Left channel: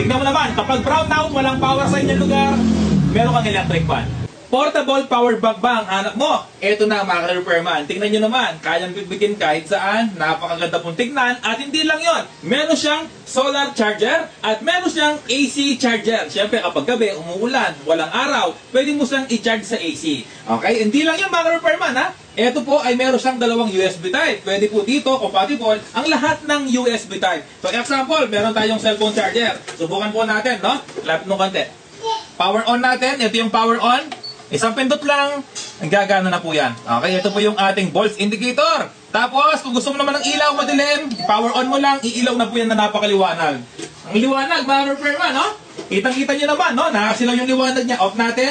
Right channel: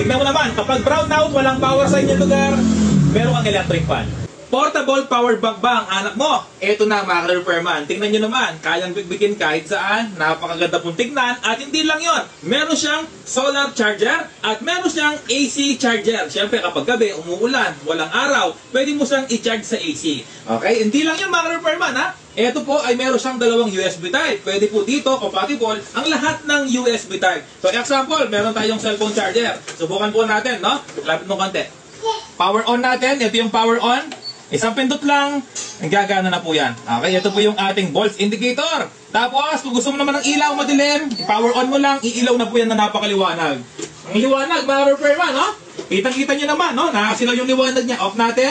Tignan mo naman, kapag brown out, walang power sa inyong lugar, meron kang electric fan. Portable power bank ba ang hanap mo? Ito na mga ka-repairman. Tingnan nyo naman, kayang bitbitin kahit saan. Napakaganda pong tignan. At hindi lang yon, meron siyang solar charger at meron siyang AC charger. Siyempre kapag gabi, umuulan, walang araw, pwede mo siyang i-charge sa AC. Okay, hindi lang yun mga ka-repairman ha. Ito po ay meron siyang dalawang USB type. Pwede po dito, compatible, ang lahat ng USB type. So example, meron tayong cellphone charger. Subukan po natin, no? Lapit mo konti. Power on natin. Ito yung power on. Isang pindot lang, gagana na po yan. Okay, ito po yung ating volts indicator. Tapos, kung gusto mo naman ng ilaw madilim, power on mo lang, iilaw na po yan na napakaliwanag. Ang liwanag, mga repairman, no? Kitang-kita nyo naman, no? Nakasilaw yung liwanag niya. Off natin.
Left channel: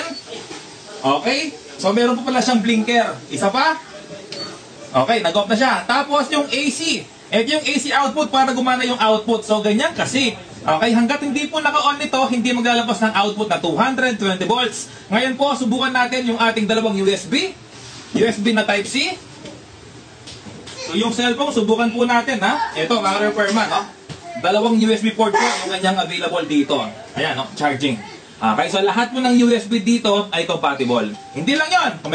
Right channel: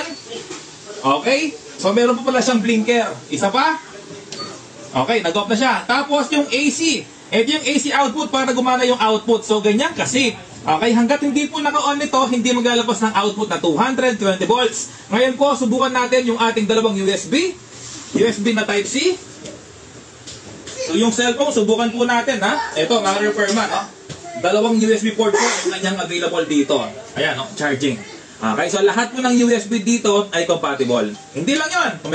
Okay, so meron po pala siyang blinker. Isa pa. Okay, nag-off na siya. Tapos, yung AC. Ito yung AC output para gumana yung output. So, ganyan kasi. Okay, hanggat hindi po naka-on nito, hindi maglalabas ng output na 220 volts. Ngayon po, subukan natin yung ating dalawang USB. USB na Type-C. So, yung cellphone, subukan po natin, ha? Ito, mga repairman, no? Dalawang USB port po yung kanyang available dito. Ayan, no? Charging. Okay, so lahat po ng USB dito ay compatible. Hindi lang yon. Kung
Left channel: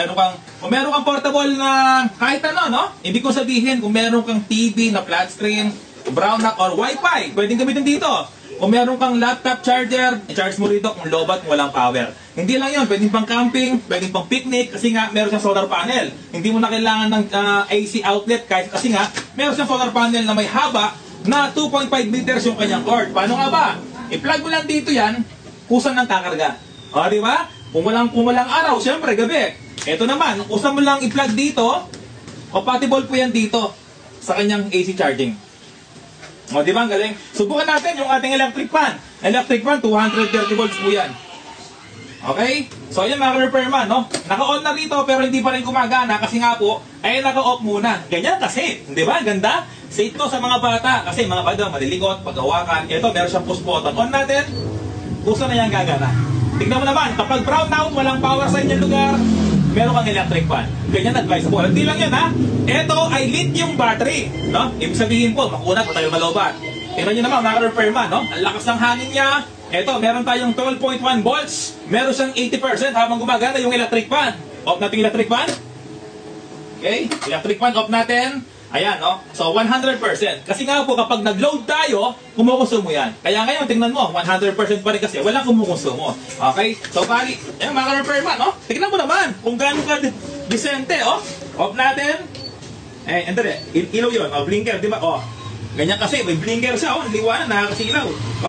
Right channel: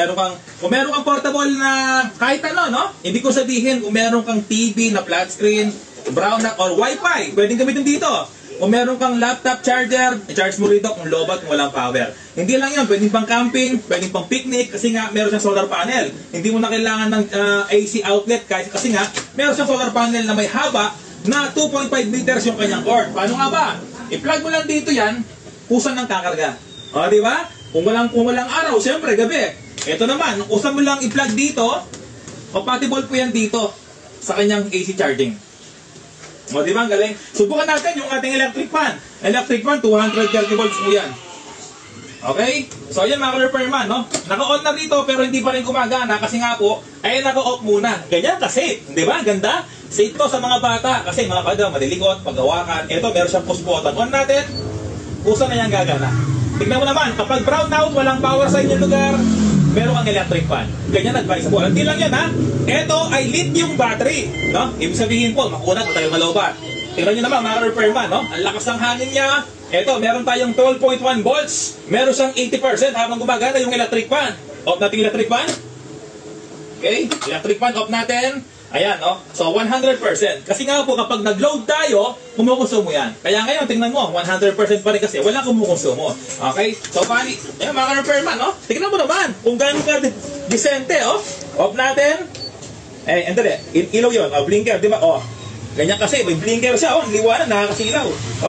meron kang portable na kahit ano, no? Hindi ko sabihin kung meron kang TV na flat screen, brownout or Wi-Fi, pwedeng gamitin dito. Kung meron kang laptop charger, i-charge mo rito kung lobat kung walang power. Hindi lang yun, pwedeng pang camping, pwedeng pang picnic, kasi nga meron siyang solar panel. Hindi mo na kailangan ng AC outlet, kasi nga meron siyang solar panel na may haba na 2.5 meters yung kanyang cord. Paano nga ba? I-plug mo lang dito yan, kusan ng kakarga. O, di ba? Kung walang araw, siyempre gabi. Ito naman, kusan mo lang i-plug dito, compatible po yan dito sa kanyang AC charging. O, di ba? Ang galing. Subukan natin yung ating electric fan. Electric fan, 230 volts po yan. Okay? So, yan mga repairman, no? Naka-on na rito pero hindi pa rin gumagana kasi nga po, ay naka-off muna. Ganyan kasi. Di ba? Ganda. Safe to sa mga bata. Kasi mga bata, maliligot, pag-hawakan. Ito, meron siyang push button. On natin, puso na yan gagana. Tignan mo naman, kapag brown out, walang power sa inyong lugar, meron kang electric fan. Ganyan advice po. Hindi lang yan, ha? Ito ay lithium battery, no? Ibig sabihin po, makunat tayo malobat. Tingnan nyo naman, mga repairman, no? Ang lakas ng hangin niya. Ito, meron tayong 12.1 volts. Meron siyang 80% habang gumagana yung electric fan. Off natin yung electric fan. Okay, electric fan off natin. Ayan, no? So, 100%. Kasi nga po, kapag nag-load tayo, kumukonsumo yan. Kaya ngayon, tingnan mo, 100% pa rin kasi wala kumukonsumo. Okay? So, bali, yan, mga repairman, no? Tingnan mo naman kung gaano ka disente, oh. Off natin. Eh, hindi, ilaw yun. Oh, blinker, di ba? Oh, ganyan kasi, may blinker siya, oh. Liwanag, nakakasilaw.